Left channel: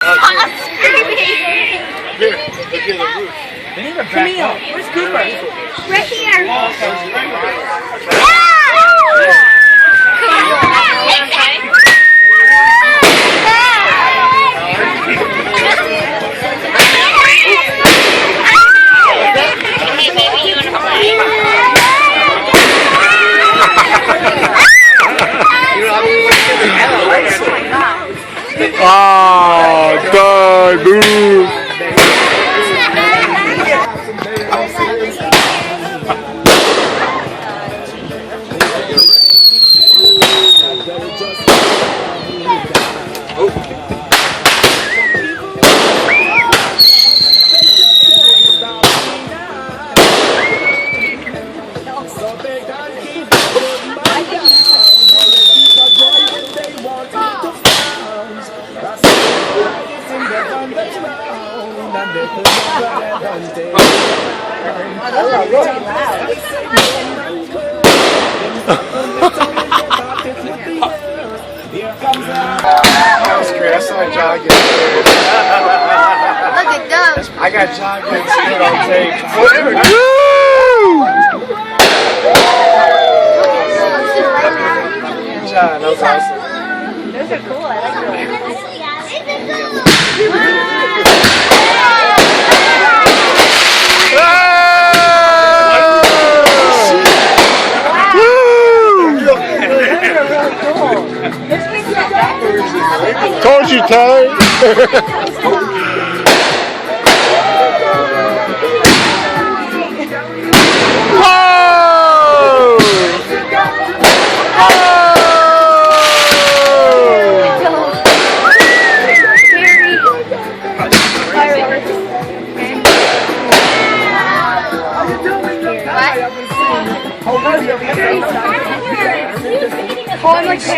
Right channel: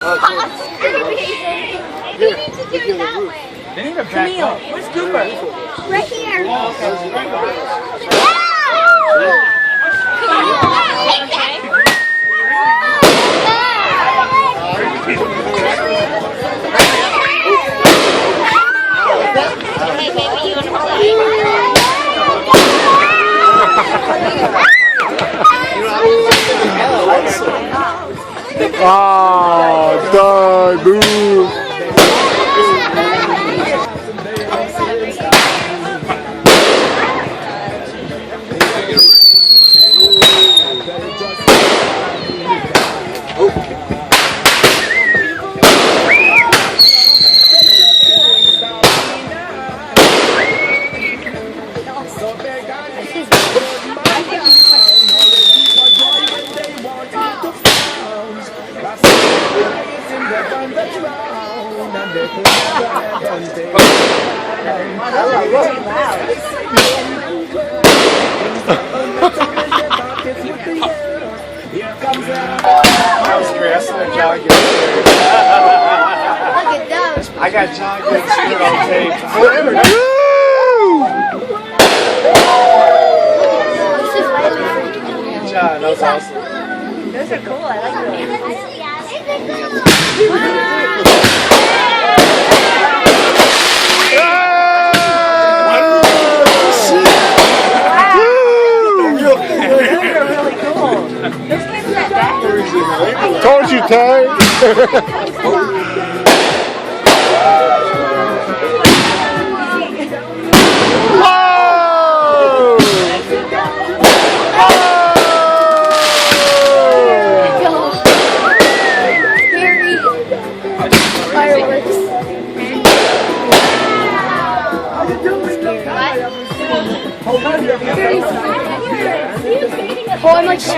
Here, look at the roof. They need to back up. Where's Cooper? Right here. Hey, baby, you want to play? Oh, God, dude. That was great. I saw John get scared. Look at those. I got John getting scared on tape. John, that was awesome. Those are cool. I like those. Those are really cool. Those kids are not bad. Told you, Ty. Whoa! Oh, I'm like, sure.